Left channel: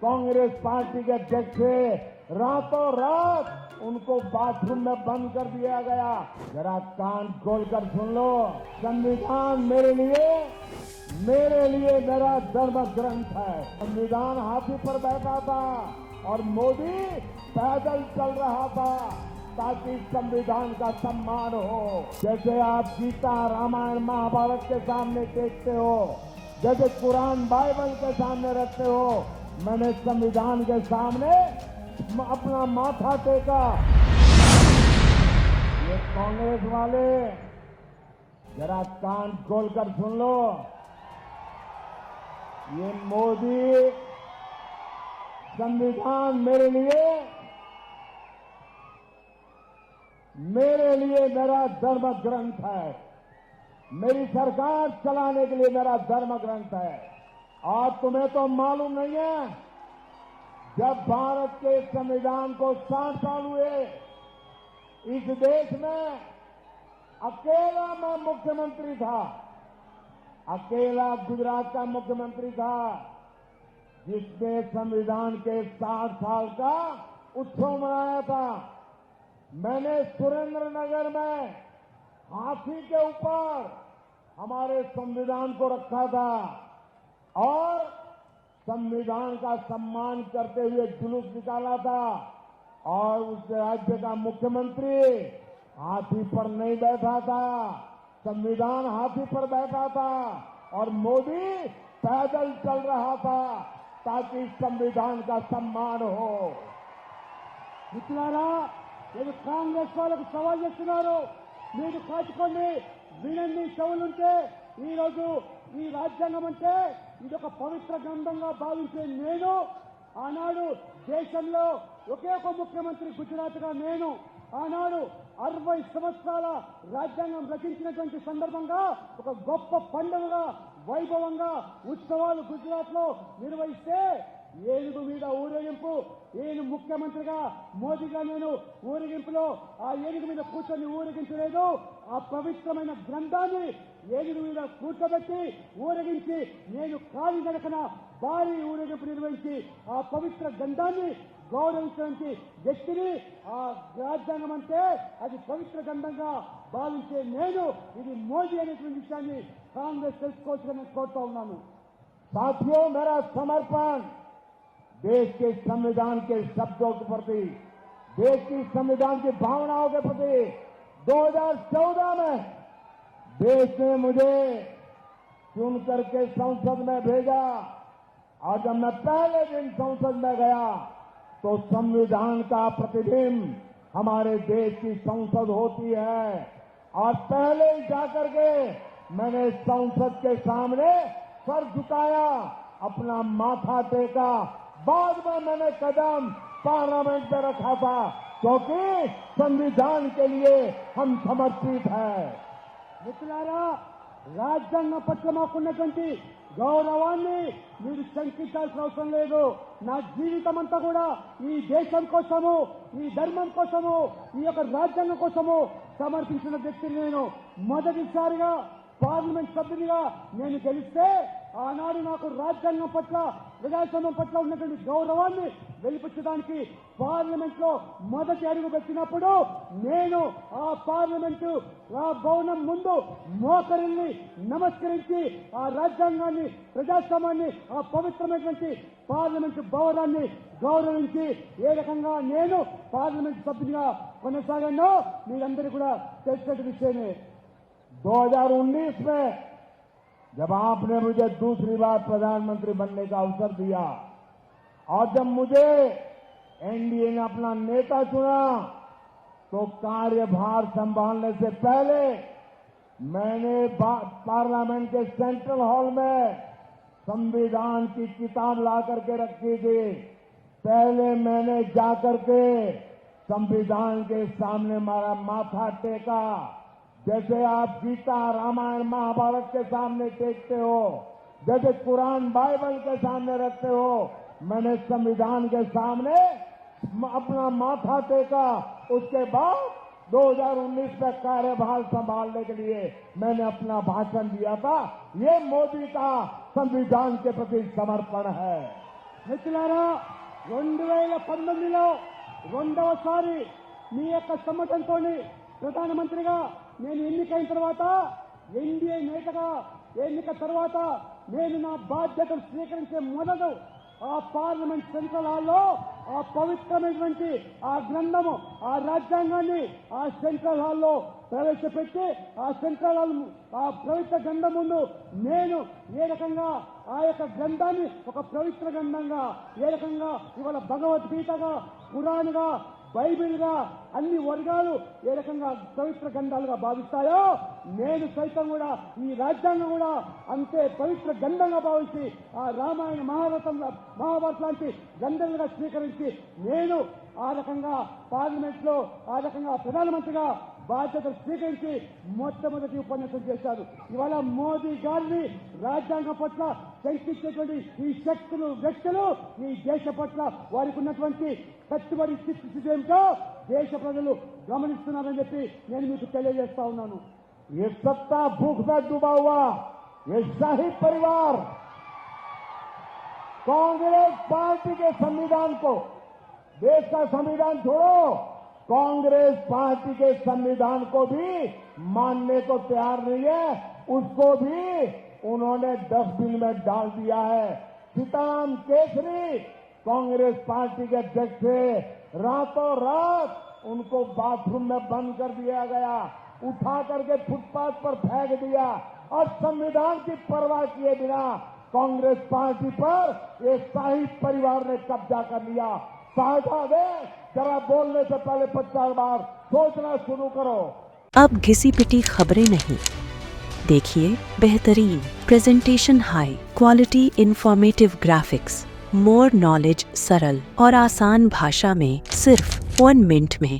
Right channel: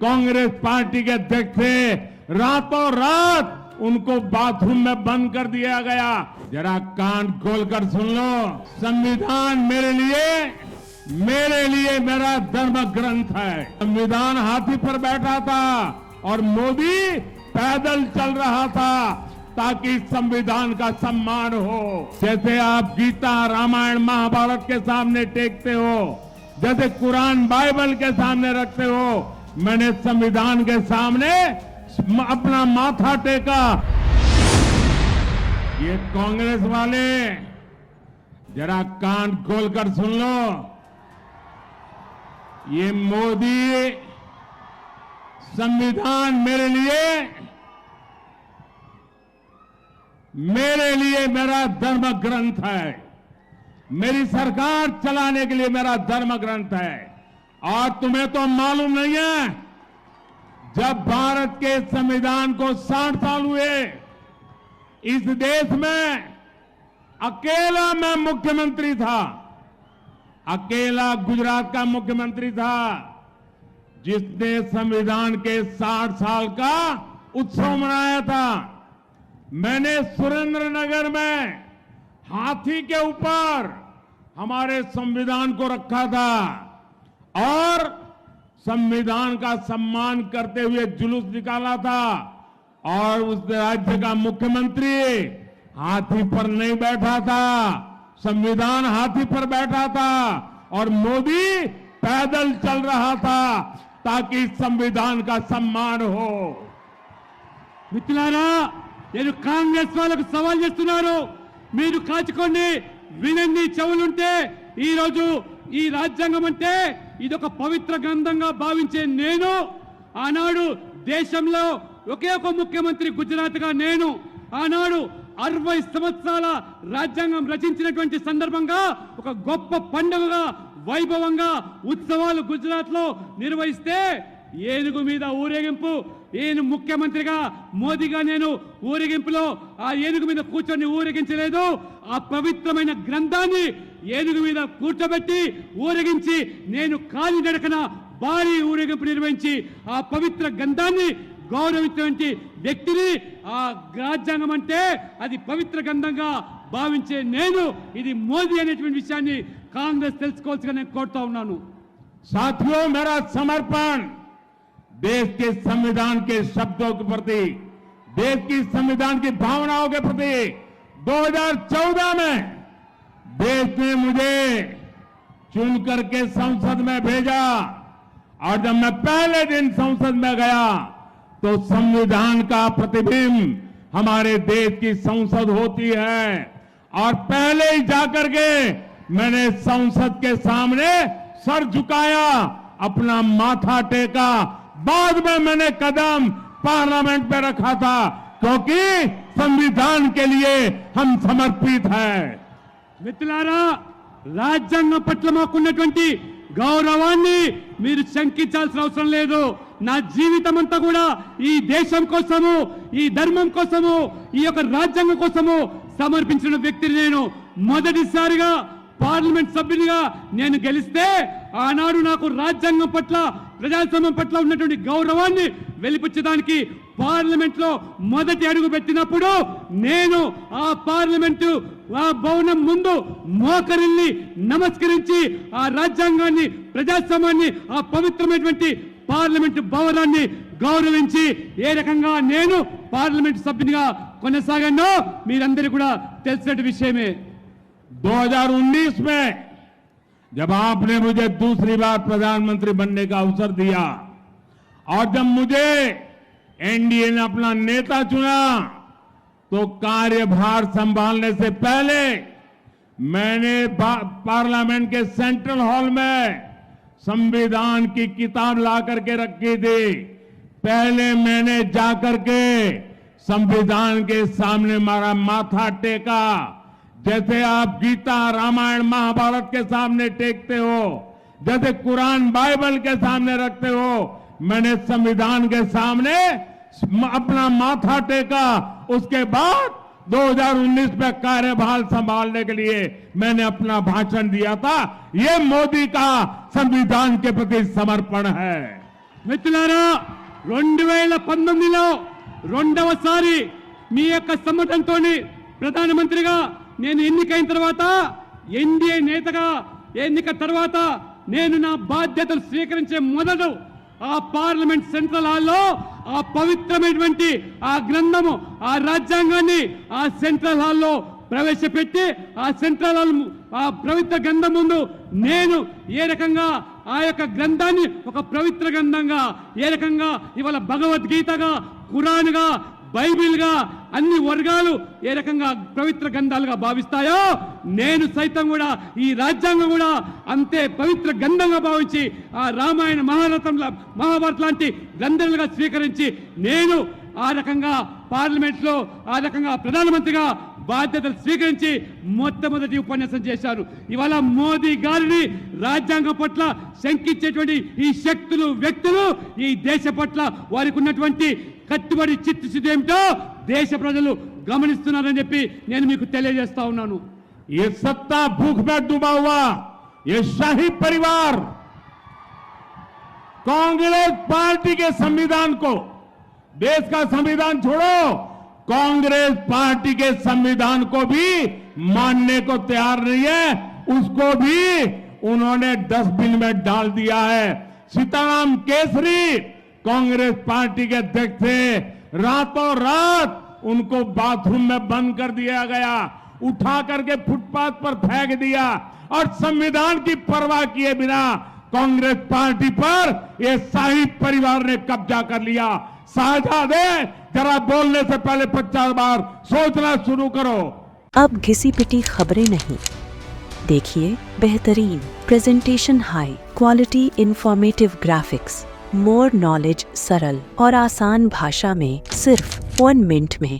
कांग्रेस पार्टी के अध्यक्ष थे, रातों रात उनको बाथरूम में बंद कर दिया गया। जरा कान खोलकर सुन लो, संविधान मेरे लिए मेरा धर्म ग्रंथ है। संविधान हाथी पर बैठा था और मोदी पैदल चल रहा था ताकि संविधान का सम्मान हो। जैसे आप गीता, रामायण, महाभारत के सामने टेकते हो, जैसे कुरान, बाइबल के सामने रखते हो, मैंने संविधान के सामने अपना माथा टेका। ये कांग्रेस वाले जरा कान खोलकर सुन लो, ये मोदी संविधान मेरे लिए मेरा धर्म ग्रंथ है। मेरी सरकार चलाने के लिए मेरा धर्म ग्रंथ है। और तुम्हें तो मालूम नहीं है, जब भारत के संविधान को 60 साल हुए, इस देश में अकेला मैं मुख्यमंत्री था, अकेला गुजरात का मुख्यमंत्री था जिसने संविधान के 60 साल का उत्सव मनाया था। मैंने सुरेंद्रनगर में हाथी के ऊपर हमारे संविधान को रखा था और संविधान का सम्मान करते हुए जुलूस निकाला था। और उस राज्य का मुख्यमंत्री हाथी पर नहीं बैठा था, संविधान हाथी पर बैठा था और मोदी पैदल चल रहा था ताकि संविधान का सम्मान हो। మిత్రులారా, నేను కాంగ్రెస్ వాళ్ళకు సవాల్ చేస్తున్నాను. మీరు కాచుకోండి, వినండి, చెవులుంటే. ఈ రోజు ఈ రాజ్యాంగం అంటే ఇదొక పవిత్ర గ్రంథంగా భావించే నేను, ఆనాడు దేశంలో ఒకే ఒక ముఖ్యమంత్రి గుజరాత్గా నేను, ఆనాడు 60 సంవత్సరాల రాజ్యాంగం రచించినటువంటి సందర్భంగా ఒక గొప్ప పండుగగా, వైభవంగా ఉత్సవాలు గుజరాత్ లో నిర్వహిస్తే ఏనుగు మీద ఊరేగింపు, ఈయన ముఖ్యమంత్రిగా మోదీగా నేను ఊరేగింపులో ఆ ఏనుగు మీద కూర్చొని ఊరేగించలేదు. ఆ పవిత్రమైన గ్రంథాన్ని ఏనుగు మీద కూర్చోబెట్టి ఊరేగించి నేను కాలి నడకన భారీ ఊరేగింపు నిర్వహించి ఆ పవిత్ర గ్రంథాన్ని గౌరవించినటువంటి వ్యక్తిని, ఆ రాజ్యాంగం అంటే అది పవిత్ర గ్రంథంగా భావించే నేను, ఇది మోదీ అనేటువంటి విషయాన్ని కాంగ్రెస్ తెలుసుకోవాల్సిగా నేను కోరుతా ఉన్నాను. साथियों, मेरा समर्पण देश के संविधान के शब्दों के प्रति, देश की संविधान की भावनाओं के प्रति 2014 में देश ने मुझे चुन करके संसद में भेजा और जब मैं पहले दिन संसद में गया तो संविधान का प्रतिबिंब हमारे देश की संसद होती है और पहले ही जाकर के मैंने संसद के सामने सर झुकाया, अपना माथा टेका। बाद में मैंने कदम पार्लियामेंट पे रखा था क्योंकि संविधान के लिए हम समर्पित हैं। మిత్రులారా, రాజ్యాంగం పట్ల మాకున్నటువంటి గౌరవాన్ని మీరు శంకించాల్సిన అవసరం లేదు. నా జీవితం అంతా కూడా ఈ దేశం కోసము, ఈ ధర్మం కోసము, ఈ యొక్క రాజ్యాంగం కోసము సమర్పించిన వ్యక్తిని నేను. మొదటిసారిగా పార్లమెంట్ సభ్యునిగా నేను గెలిస్తే ఆనాడు నాకు రాజ్యాంగం పట్ల, ప్రజాస్వామ్యం పట్ల ఉన్నటువంటి గౌరవాన్ని వెలిపించడానికి పార్లమెంట్ లో మొదటి అడుగు పెట్టినప్పుడు నేను ఆ పార్లమెంటు ఆ భవనం ముందు మోకరిల్లి నమస్కరించి ఆ రాజ్యాంగాన్ని, ప్రజాస్వామ్యాన్ని, ఆ పవిత్రమైనటువంటి పార్లమెంటు భవనాన్ని గౌరవించి ఏ రకంగా నేను పార్లమెంట్ సభ్యునిగా కొనసాగానో మీరందరూ కూడా తెలిసిన విషయమే. 2019 में जब आपने मुझे दूसरी बार प्रधानमंत्री बनने का अवसर दिया और जब मुझे एनडीए ने अपना नेता चुना तो कार्यभार संभालने से पहले मैंने पार्लियामेंट के सेंट्रल हॉल में संविधान की किताब ला करके रखी थी। पहले मैंने जाकर के संविधान के सामने मारा माथा टेका, जैसे आप गीता, रामायण, महाभारत के सामने टेकते हो, जैसे कुरान, बाइबल के सामने रखते हो, मैंने संविधान के सामने अपना माथा टेका। उसके बाद 2019 में कार्यभार संभालने के लिए मैंने अपना भाषण दिया था। ये मोदी का संविधान के प्रति समर्पण है। మిత్రులారా 2019లో రెండవసారి మీ యొక్క సమ్మతంతో ప్రధానమంత్రిగా నేను ఎన్నికైన తర్వాత ఎన్డీఏ నేతగా ఎన్నిక తర్వాత నేను నా బాధ్యతలు స్వీకరించే మొదలు ఆ పార్లమెంట్ సెంట్రల్ హాల్లో ఆ పవిత్రమైనటువంటి ఆ గ్రంథము ఆ రాజ్యాంగాన్ని ఆ సెంట్రల్ హాల్లో ప్రవేశపెట్టి ఆ సెంట్రల్ హాల్ ఆ పవిత్ర గ్రంథం ముందు నేను ఏ రకంగా ఆ యొక్క గ్రంథాన్ని ఒక పవిత్ర గ్రంథంగా ఏ రకంగా ఇవాళ భగవద్గీతగా ఖురాన్గా బైబిల్గా అన్ని వర్గాలు ఏ రకంగా పవిత్ర గ్రంథాలుగా భావిస్తాయో నేను సైతం కూడా ఈ రాజ్యాంగం కూడా అంతే పవిత్ర గ్రంథంగా భావించి ఆ రామాయణ మహాభారత లాంటి గ్రంథాలుగా స్వీకరించి నేను ఆ రకంగా పార్లమెంట్లో ఆ రకంగా ప్రధానమంత్రిగా బాధ్యతలు స్వీకరించి మొట్టమొదటి ఉపన్యాసం చేశారు. ఇవాళ మోదీ గారిని రాజ్యాంగం పట్ల శంకించేటువంటి ఈ శక్తులు వ్యక్తులు ఈ దేశ పట్ల వారికి ఉన్నటువంటి కట్టుబడి చిత్తశుద్ధి ఏమిటో దేశ ప్రజలు గమనిస్తున్నారని చెప్పి నేను మీకు తెలియజేస్తా ఉన్నాను. ये सत्ता भूख में डूबा हुआ ये शाही परिवार कांग्रेस पार्टी के संविधान को, देश का संविधान छोड़ो, कांग्रेस पार्टी के संविधान को भी मानने को तैयार नहीं है. उसको भी उन्होंने डस्टबिन में डाल दिया है. सीताराम केसरी कांग्रेस पार्टी के अध्यक्ष थे, रातों रात उनको बाथरूम में बंद कर दिया गया, उठा करके फुटपाथ पर फेंक दिया और संविधान की परवाह किए बिना कांग्रेस पार्टी पर ये शाही परिवार ने कब्जा कर लिया. साझादे जरा बोलने से पहले 50 बार सोचना शुरू करो. अब घिसी पिटी खबरें नहीं, देखिए बेहतरीन presentation, high quality informative graphics, more knowledge, सरल और आसान भाषा में सिर्फ 1 मिनट में.